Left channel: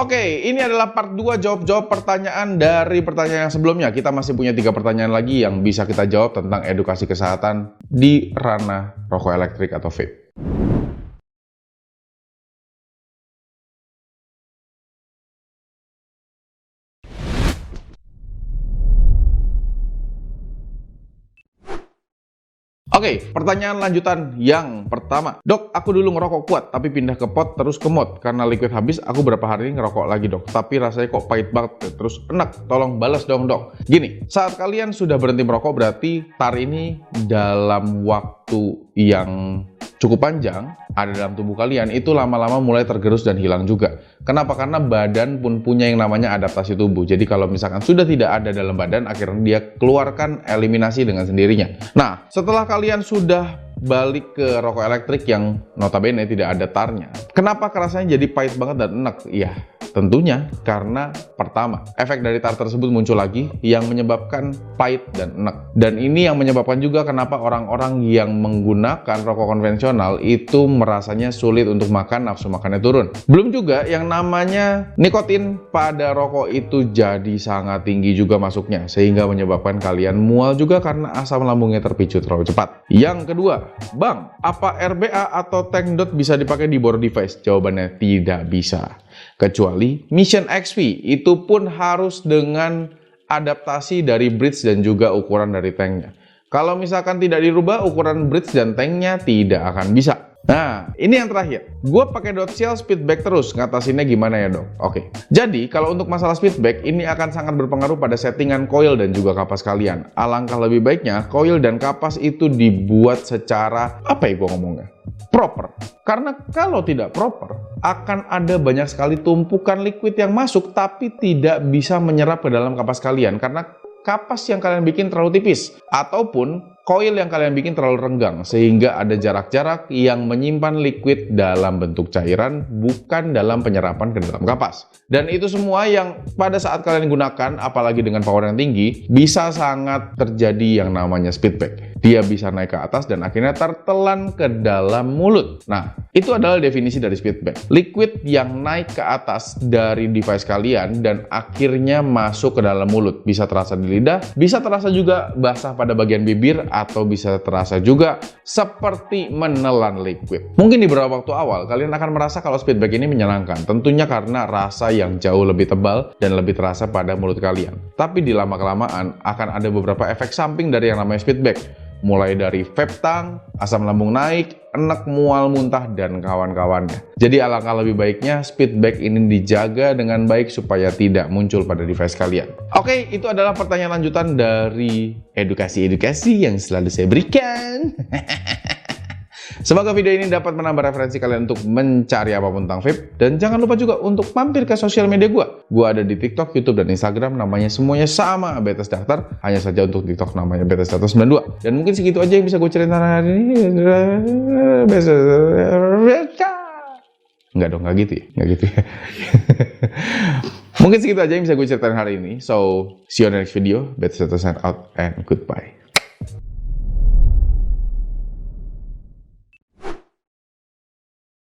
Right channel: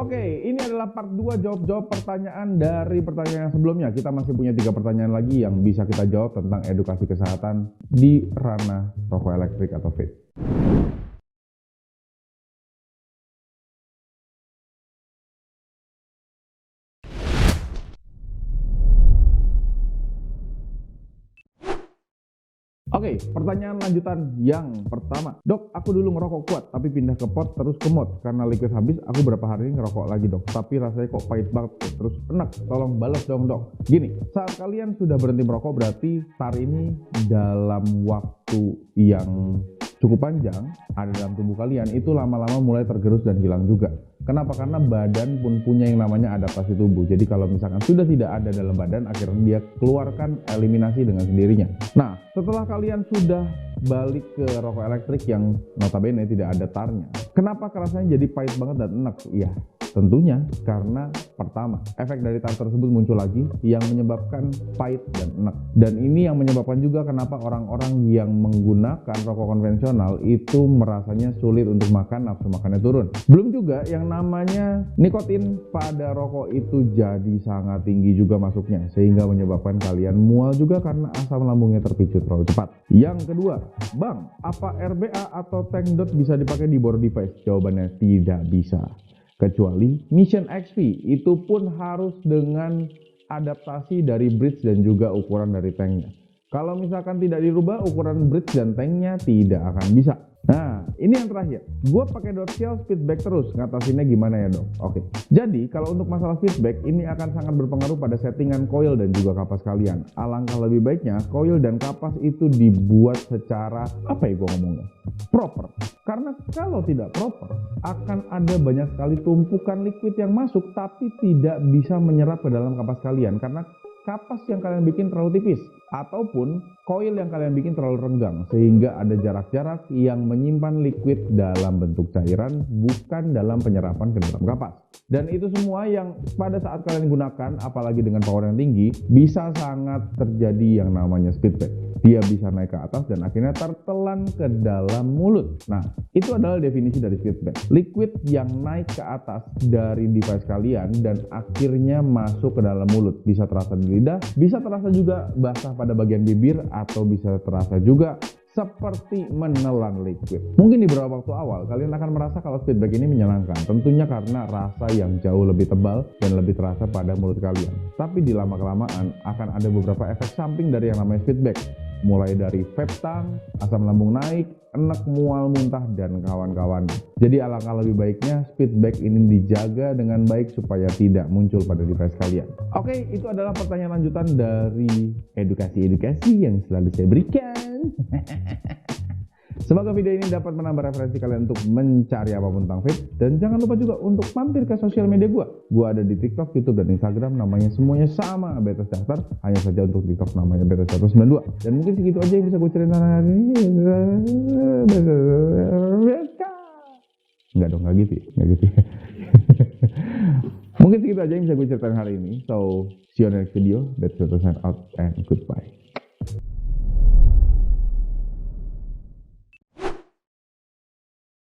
Oke, ini adalah part 2 jawab-jawab pertanyaan dari pertanyaan yang sebelumnya. Kita masih punya 3 pertanyaan lagi yang bisa kita jawab tentang edukasi kesehatan di ranah rokok elektrik atau vape. Oke, pertanyaan lanjutan yang pertama. Dok, aku dulu ngerokok kuat, tapi pindah ke pot terus ke mod. Karena liquid habis, aku berapa hari ini ngerokok lagi dok. Tapi rasanya kok pahit banget, terus enak. Tolong balas dong dok. Gini, saat kalian sudah berhenti merokok, berarti tar ini dalam waktu yang cukup panjang ada dalam tubuh kalian, itu lama-lama mulai tergerus dan hilang juga. Kenapa? Karena badan pun punya yang namanya adaptasi tubuh. Jadi kalau misalkan sudah tidak ada dalam badan, akhirnya dia keluarkan eliminasi dengan sendirinya. Nah, setelah kalian sudah balik ke rokok elektrik yang notabene tidak ada tarnya, kenapa rasanya jadi pahit banget dan enak? Iya, tentunya karena pertama, efek dari tar tersebut muncul lagi yang menyebabkan pahit dan enak. Dan ini yang menyebabkan juga kenapa orang-orang yang menggunakan rokok konvensional itu merasanya sulit untuk makan, nafsu makannya turun. Belum juga yang namanya nikotin pada rokok itu jadi sangat tinggi juga masuknya, sehingga menyebabkan kalian mual juga karena asam lambungnya terpicu terlalu cepat. Yang kedua, Bang, apa RBA atau tank dot bisa dipakai di bor device? Jawabannya tidak bisa. Kecuali Mission XP, itu pun harus dengan adaptasi dari bridge dan juga ukuran dari tanknya. Kalau misalkan tidak dirubah, ukuran bridge dan tanknya tidak akan bisa. Nah, ini yang terakhir. Gue pakai dot shell speedback terus. Ngatasinnya gimana ya dok? Oke. Jadi, kalau untuk masalah speedback, ini akan sangat berpengaruh pada settingan coil dan juga kapas kalian. Alangkah lebih baiknya, coil dan kapas itu dibuat secara, apa ya gue ngomongnya? Proper. Karena kalau tidak proper, akan ada banyak sekali tumpukan liquid yang masuk, tapi tidak bisa menyerap ke dalam kapas kalian. Karena kapas yang kalian bikin terlalu tipis, ataupun coil yang kalian bikin terlalu renggang, sehingga ada jarak-jarak yang menyimpan liquid dalam bentuk cairan, bukan dalam penyerapan ke dalam kapas. Dan itu semua yang pada saat kalian gunakan, apalagi dengan power yang tinggi, bisa sangat terjadi yang namanya speedback. Dia bisa naik ke atas dan akhirnya tertelan ke dalam mulut. Nah, itu adalah definisi dari speedback. Liquid yang naik ke atas dari device kalian dan akhirnya masuk ke dalam mulut. Bisa terasa di lidah, bisa terasa juga basah pada bagian bibir, atau bisa terasa juga seperti menelan liquid. Mungkin di beberapa waktu awal, kalian akan merasa kalau speedback ini menyenangkan. Tentunya karena rasa yang jauh lebih tebal dan lebih terasa pada mulut kalian. Tapi di lama-kelamaan akan ada beberapa efek samping dari yang namanya speedback. Mulai dari vape tang, asam lambung naik, enek, mual, muntah, dan kawan-kawannya. Jadi alangkah lebih baiknya speedback ini dijaga dengan baik supaya tidak muncul pada device kalian. Oke, itu adalah pertanyaan lanjutan dari edukasi-edukasi yang selalu saya berikan. Semoga video ini dapat menambah referensi kalian untuk mencari apapun tentang vape. Dan jangan lupa juga untuk mampir ke sosial media gue. Gue ada di TikTok, YouTube, dan Instagram. Namanya semuanya sama, BTS Daktar. Hanya saja untuk TikTok namanya BTS Daktar 92. Dan mungkin segitu aja yang bisa gue ceritakan hari ini. Enggak dong, nggak gitu ya. Nggak gitu ya. Mungkin segitu aja yang bisa gue ceritakan hari ini. So, see you on the next video. BTS Daktar sign out and goodbye.